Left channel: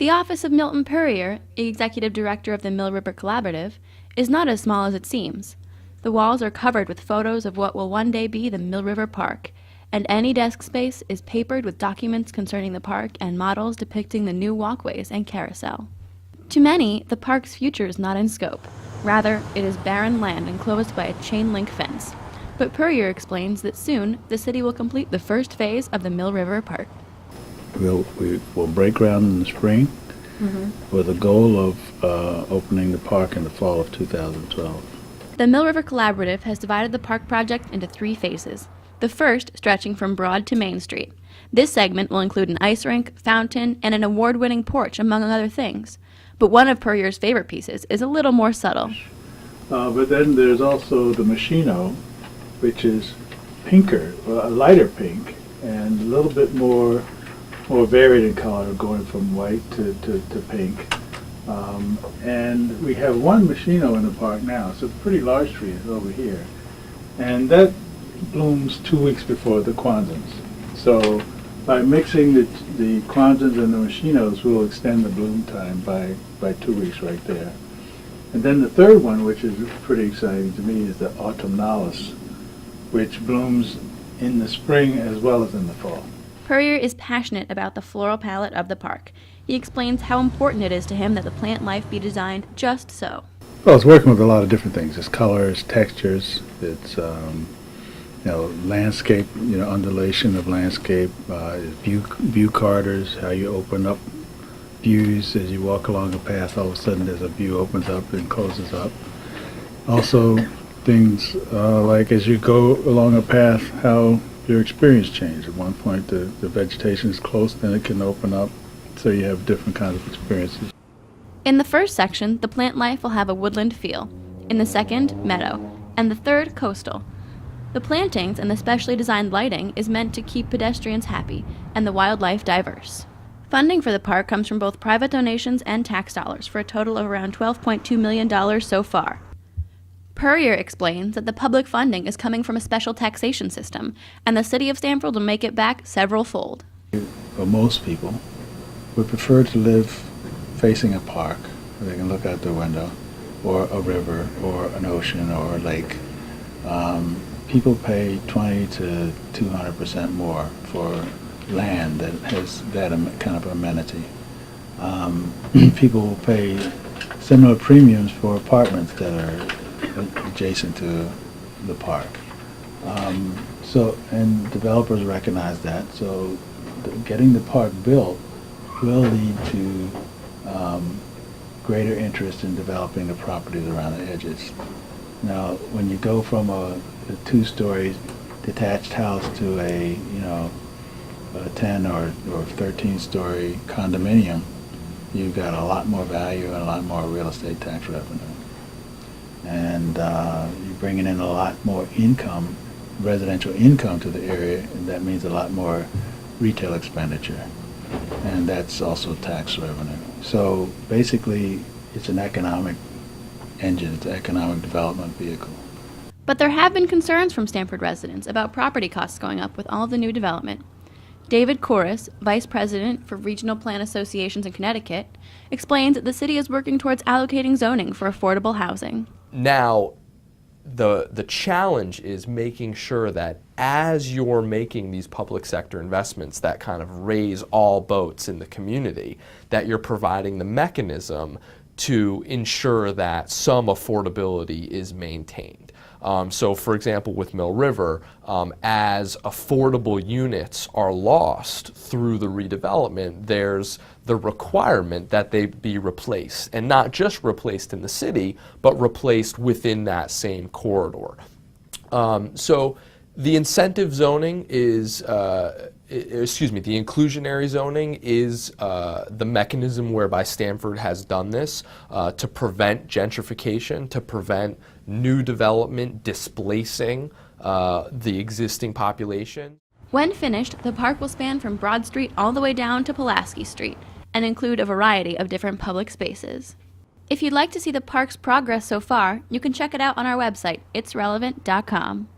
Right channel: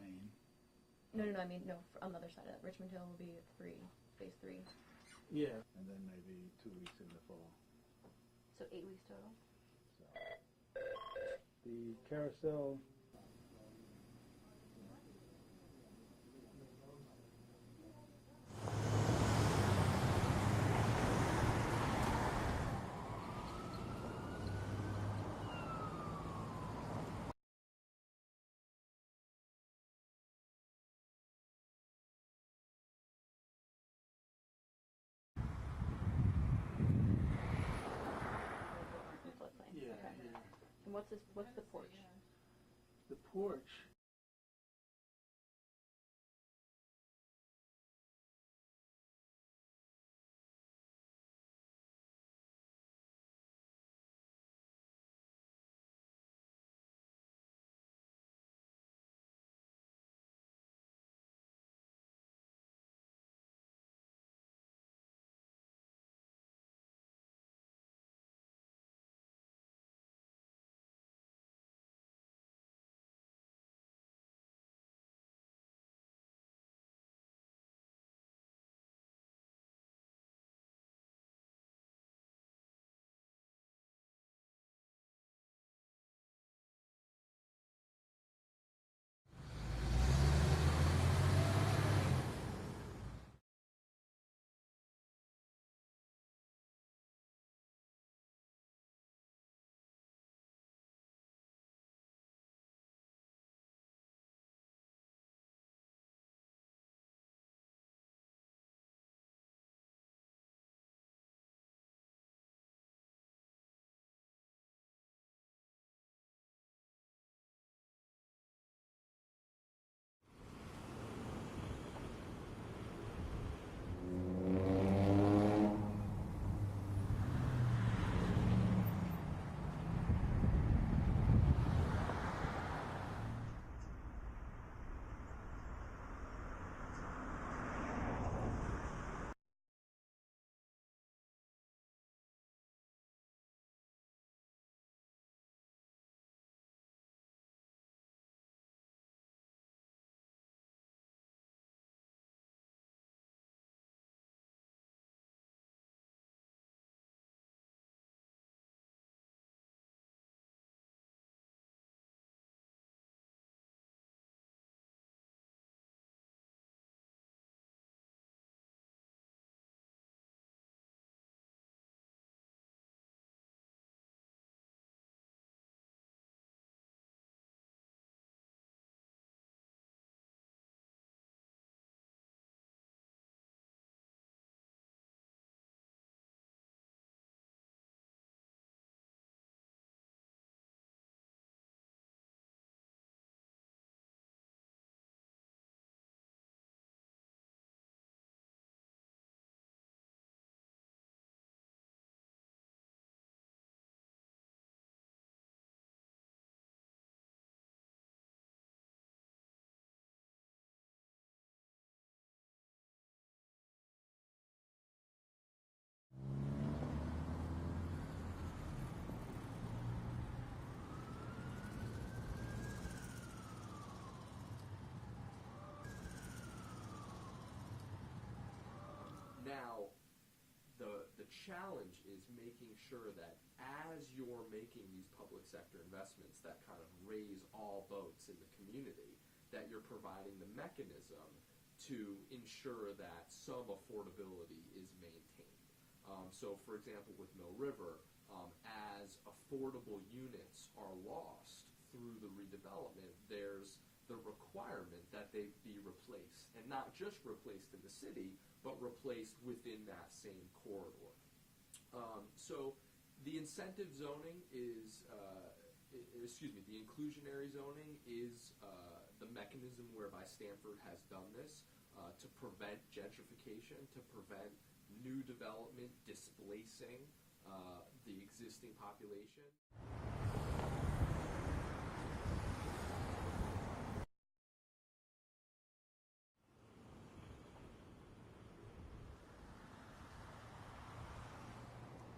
The office of Milton Puryear, executive director of the Mill River Collaborative, is not as small as it seems. The walls are covered with photos of what will one day be the Mill River Park, and any desk space is papered with documents concerning the park and models depicting the new walkways and carousel. To many, the park's future is not in scope. Rather, it is barren land enclosed by a chain-link fence. But Puryear explains that soon, the city will complete the first phase of the Mill River Park. We will break ground in the spring with a goal of opening the park in the fall of 2012. The Mill River Collaborative has divided the park project into 3 phases. The first stretching from Broad to Main Street. This segment will include an ice rink, fountain, and an award-winning porch, among other things. But one of Puryear's favorite pieces is a little more subtle. But then there's also the Machino, which is pinker, a lighter pink, and a little bit more varied in color, going from white to pink. And we have one Machino in the park now. It's a pretty large tree. It's over here. And that blooms 2 weeks before the Kwanzans. So by mixing the Kwanzans and the Machinos, we'll extend the bloom time by 2 weeks right there. And then the third one, which is pretty exciting to me, is the Autumnalis, which blooms in the spring as well as in the fall. Puryear is passionate about the floral palette of the park. He explains how important it is to him that the plant life be designed just so. Well, it's working with a lot of different things. It's colors, textures, it's landscape, undulation of landscape, view carders, how you open up views as you walk along a path. All of a sudden there's a view opens up and closes up. Also things like as you go along a path, how your experience changes. At one point the vegetation is close, then it can open up, so you have different kinds of experiences. In the first section, the plant life will have a woodland feel. In the second, meadow. And the third, coastal. The plantings and the specially designed lighting is meant to keep pedestrians happy and the wildlife diverse. Funding for the park comes from both private donations and tax dollars for a total of around $12.2 million so far. Puryear explains that the public funding is coming from a special taxation system, and the city of Stamford will make it back several-fold. For most people, would prefer to live facing a park where they can look out their window, or a river, or an ocean, or a lake. People pay 20 to 200% more for land that has that kind of amenity. People will pay similar premiums for apartments that are adjacent to the park. And developers recognize that, so getting the park built will lead to greater interest in developing the properties around the edges. Now, when you go from a 2-story detached house to a 10 or 13-story condominium, you've got a lot more value and a lot more real estate tax revenue. And you're bringing in a lot more income, residential income to the area, and that means a lot more retail expenditure. And that's also tax revenue. So basically, it's an economic engine, it's an economic development vehicle. But there have been concerns from Stamford residents about property costs going up with all the new development. David Corris, Vice President for Regional Plan Associations in Connecticut, explains that the city is working towards allocating zoning for affordable housing. Now, the challenge is making sure that as you're making these public sector investments that kind of raise all boats in the community, that you're providing the mechanism to ensure that some affordability is maintained. So for example, with Mill River, as affordable units are lost through the redevelopment, there's the requirement that they be replaced, and not just replaced in the city, but replaced within that same corridor. So the incentive zoning is, the inclusionary zoning is the mechanism whereby Stamford has done this to prevent gentrification, to prevent new development displacing the existing population. When finished, the park will span from Broad Street all the way down to Pulaski Street and include a variety of different public spaces. If you'd like to see the park's progress so far, you can check it out on our website, itsrelevant.com.